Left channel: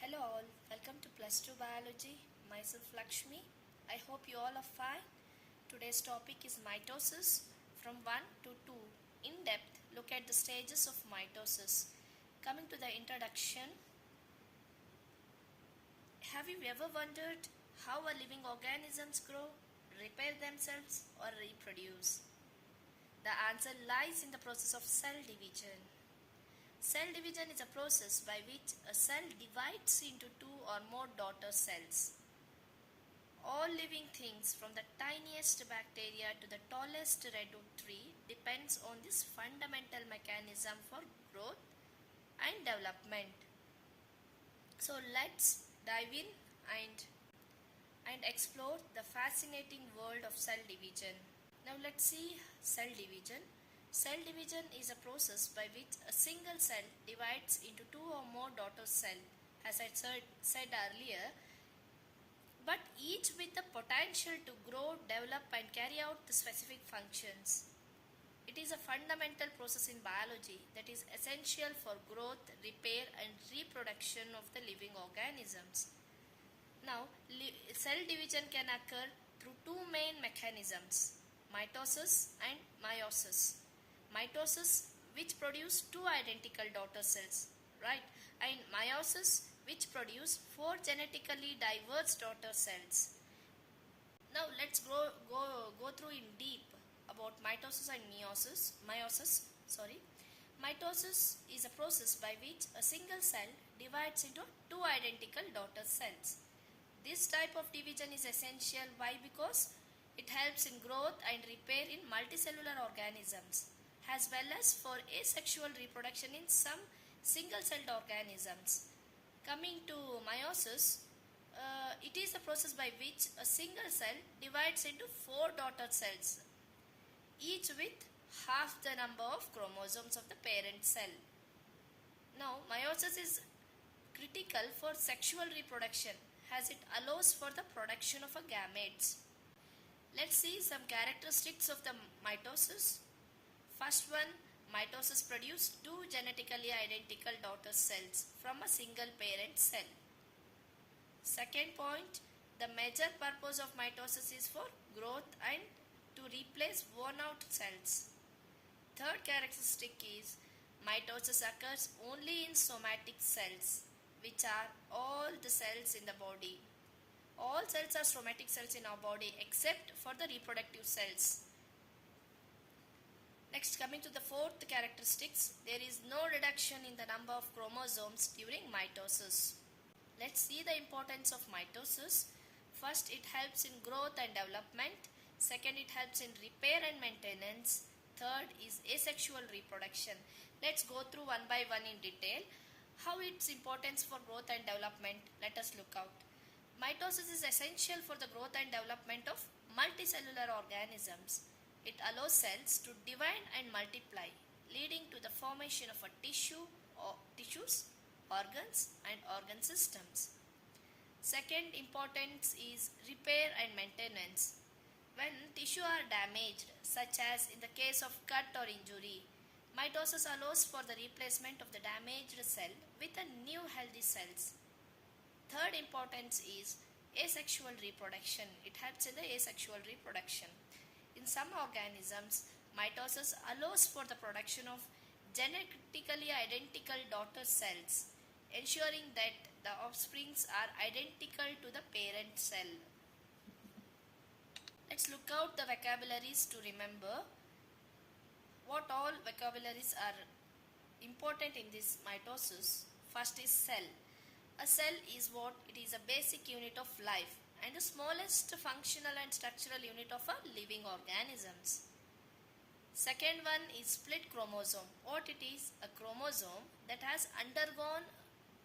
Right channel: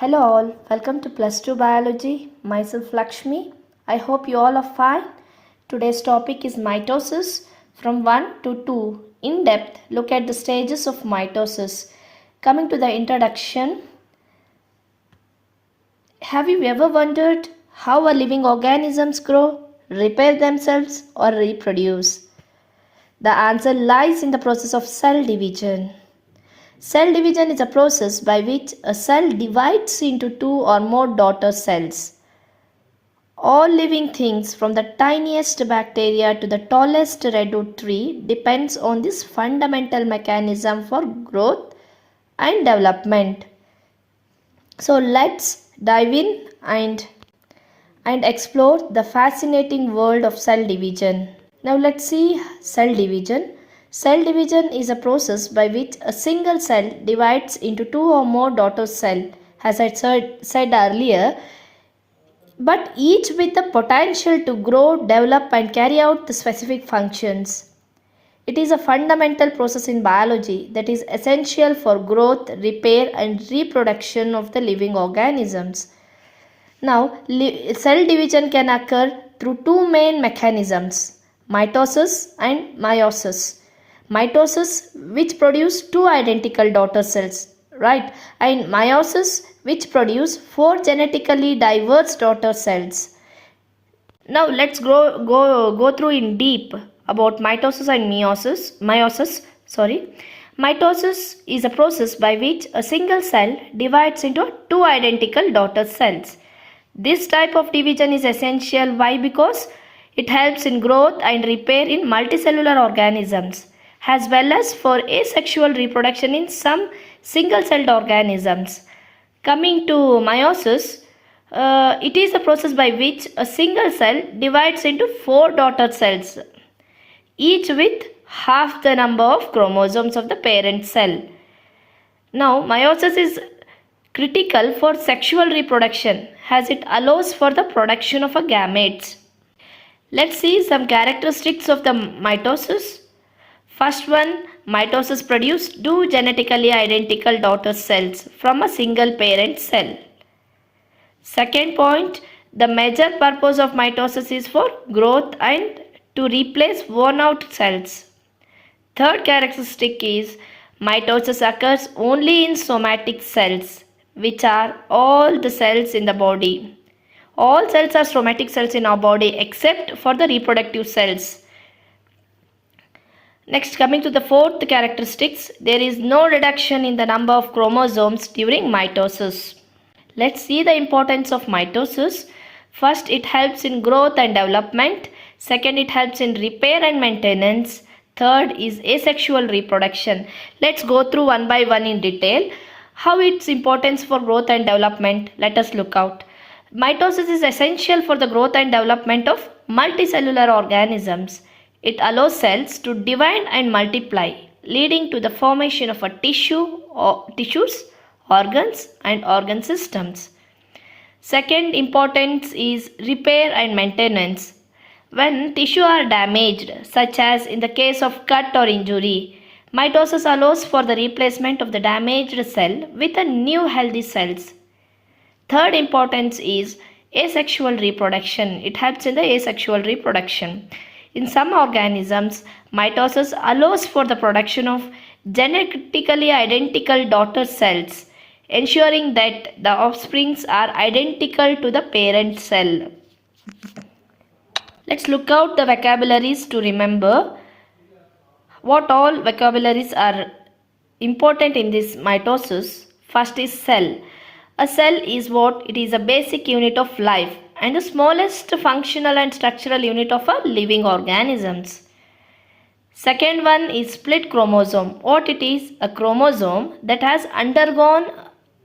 Hello all, welcome to Plus 2 Biology. Myself Lakshmi. I hope you all are fine. Today's topic is mitosis from 1 to 2. In depth, look at the stages of mitosis. Coming to the introduction, have you ever wondered how our living organisms grow, repair themselves or reproduce? The answer lies in the process of cell division. Cell division is a process by which a cell divides into two or more daughter cells. All living things from the tiniest bacteria to the tallest redwood tree depends on this fundamental mechanism for growth and development. So let's dive in and explore the fascinating world of cell division. Now let's see cell division. Cell division is a process by which a single cell divides into two or more daughter cells, as I said earlier, but each with the potential to grow, develop and carry out the specific functions. It is a fundamental process in biology that is essential for growth, repair and reproduction of the living organisms. Now, cell division can occur through two main mechanisms, mitosis and meiosis. Mitosis, which produce two identical daughter cells, right, and meiosis, which produce four genetically diverse daughter cells. Now let's go through in deep about mitosis and meiosis. Mitosis is a process by which a single cell divides into two identical daughter cells. This type of division is essential. Why? Because it helps in growth and repair in multicellular organisms, as well as for asexual reproduction in some single-celled organisms. Coming to meiosis, it is a process by which a single cell divides into four daughter cells, each with half the number of chromosomes of the parent cell. Now, meiosis is critical for sexual reproduction as it allows for the production of a gametes. Let's see some characteristics of the mitosis. First one, mitosis produces two genetically identical daughter cells from a single parent cell. Second point, the major purpose of mitosis is for growth and to replace worn out cells. Third characteristic is mitosis occurs only in somatic cells, which are all the cells in the body. All cells are somatic cells in our body except for the reproductive cells. Next, coming to the fourth characteristics, there is no reduction in the number of chromosomes during mitosis. Let's see the importance of mitosis. First, it helps in growth and development. Second, it helps in repair and maintenance. Third is asexual reproduction. Let's go through one by one in detail. How its importance for growth and development, let us look out. Mitosis is essential for the growth and development of multicellular organisms. It allows cells to divide and multiply, leading to the formation of a tissues, organs and organ systems. Second importance is repair and maintenance. When tissue are damaged, such as in the case of cut or injury, mitosis allows for the replacement of the damaged cell with a new healthy cells. Third importance is asexual reproduction. It helps in the asexual reproduction. In some organisms, mitosis allows for the production of genetically identical daughter cells, ensuring that the offsprings are identical to the parent cell. Let's look out the vocabularies to remember what all vocabularies are important in this mitosis. First is cell. A cell is what? It is a basic unit of life and the smallest functional and structural unit of a living organisms. Second one is split chromosome. What it is? A chromosome that has undergone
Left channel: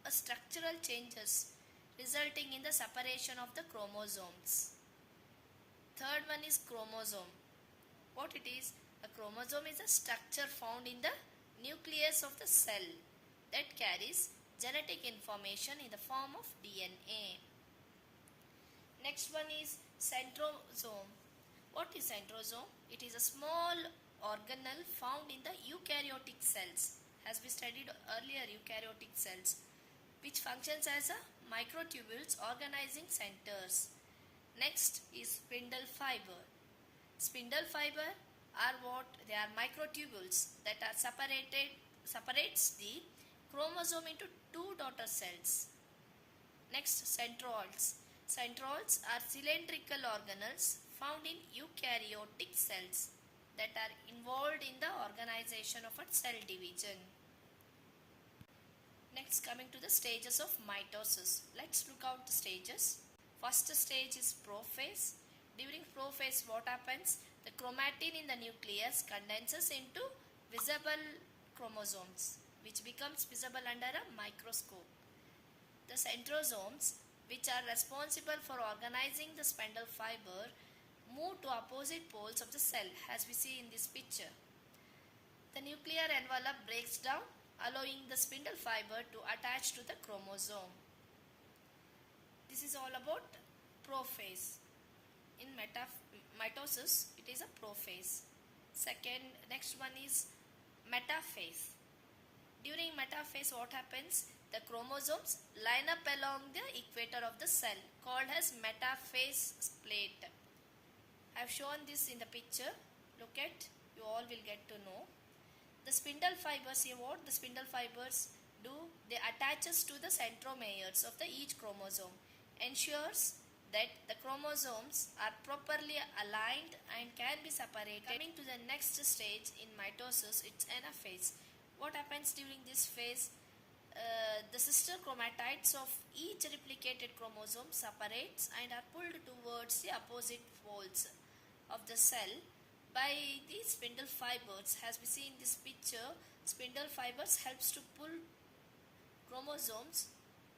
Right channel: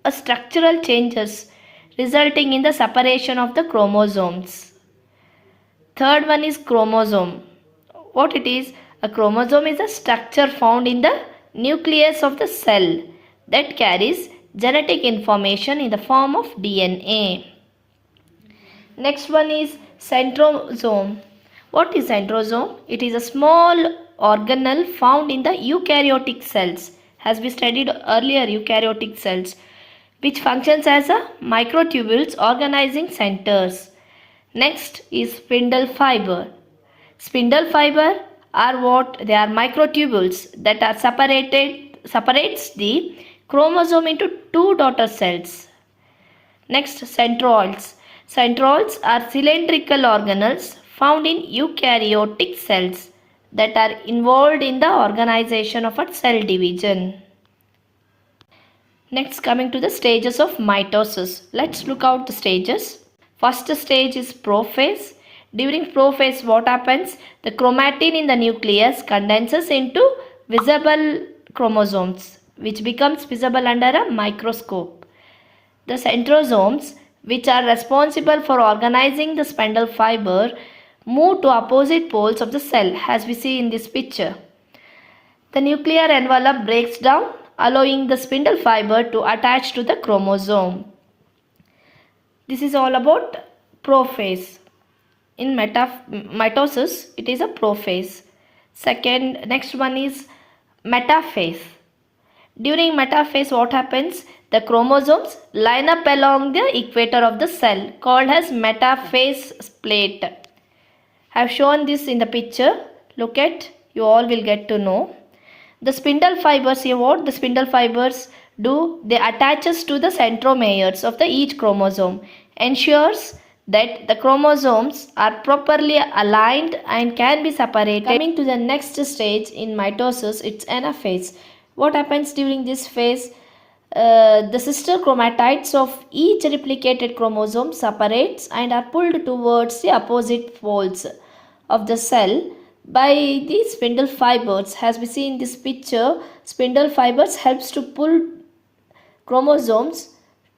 a structural changes resulting in the separation of the chromosomes. Third one is chromosome. What it is? A chromosome is a structure found in the nucleus of the cell that carries genetic information in the form of DNA. Next one is centrosome. What is centrosome? It is a small organelle found in the eukaryotic cells. As we studied earlier, eukaryotic cells. which functions as a microtubules organizing centers. Next is spindle fiber. Spindle fiber are what? They are microtubules that are separates the chromosome into two daughter cells. Next, centrioles. Centrioles are cylindrical organelles found in eukaryotic cells that are involved in the organization of a cell division. Next, coming to the stages of mitosis. Let's look out the stages. First stage is prophase. During prophase, what happens? The chromatin in the nucleus condenses into visible chromosomes, which becomes visible under a microscope. The centrosomes, which are responsible for organizing the spindle fiber, move to opposite poles of the cell, as we see in this picture. The nuclear envelope breaks down, allowing the spindle fiber to attach to the chromosome. This is all about prophase. In mitosis, it is a prophase. Next one is metaphase. During metaphase, what happens? The chromosomes line up along the equator of the cell, called as metaphase plate. I have shown this in the picture. Look at, you all will get to know. The spindle fibers, here what the spindle fibers do? They attaches to the centromeres of the each chromosome, ensures that the chromosomes are properly aligned and can be separated. Coming to the next stage in mitosis, it's anaphase. What happens during this phase? The sister chromatids of each replicated chromosome separates and are pulled towards the opposite poles of the cell by the spindle fibers. As we see in this picture, spindle fibers helps to pull chromosomes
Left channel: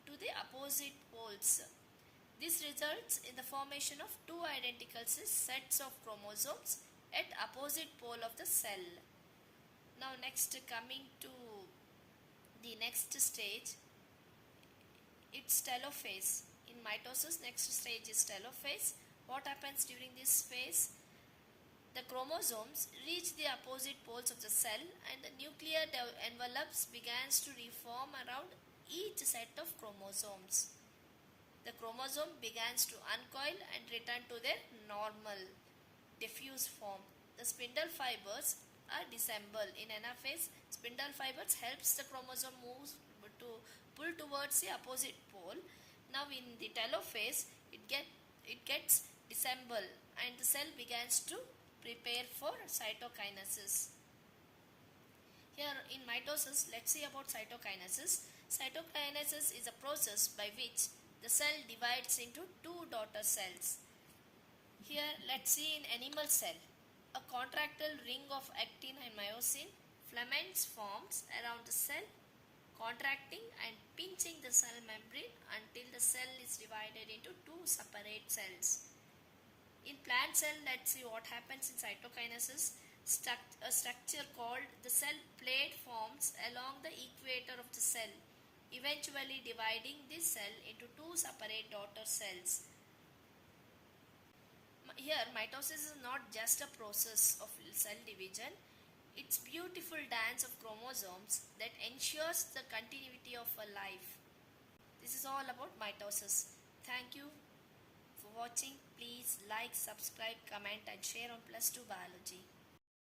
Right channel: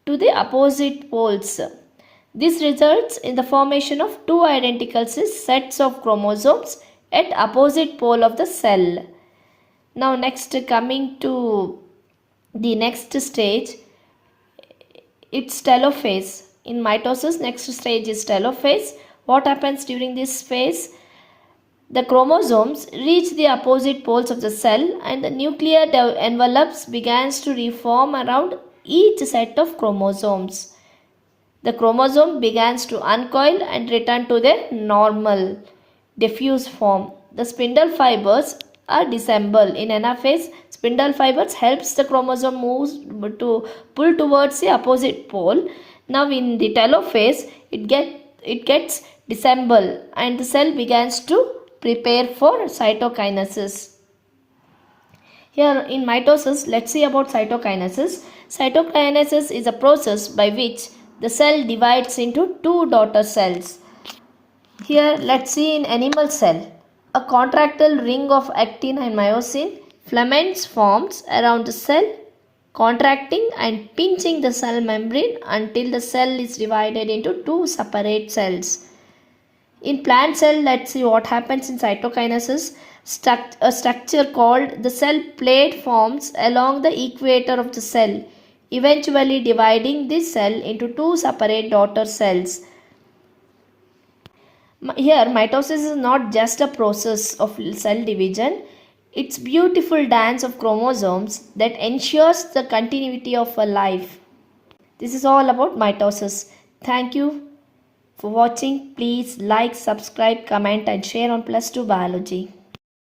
to the opposite poles. This results in the formation of two identical sets of chromosomes at opposite pole of the cell. Now next, coming to the next stage, it's telophase. In mitosis, next stage is telophase. What happens during this phase? The chromosomes reach the opposite poles of the cell and the nuclear envelopes begins to reform around each set of chromosomes. The chromosome begins to uncoil and return to their normal diffuse form. The spindle fibers are disassembled. In anaphase, spindle fibers helps the chromosome moves to pull towards the opposite pole. Now in the telophase, it gets disassembled and the cell begins to prepare for cytokinesis. Here in mitosis, let's see about cytokinesis. Cytokinesis is a process by which the cell divides into two daughter cells. Here let's see in animal cell, a contractile ring of actin and myosin, filaments forms around the cell, contracting and pinching the cell membrane until the cell is divided into two separate cells. In plant cell, let's see what happens in cytokinesis. A structure called the cell plate forms along the equator of the cell, eventually dividing this cell into two separate daughter cells. Here, mitosis is not just a process of cell division, it's beautiful dance of chromosomes that ensures the continuity of a life. This is all about mitosis. Thank you for watching. Please like, subscribe, comment and share on Plus 2 Biology.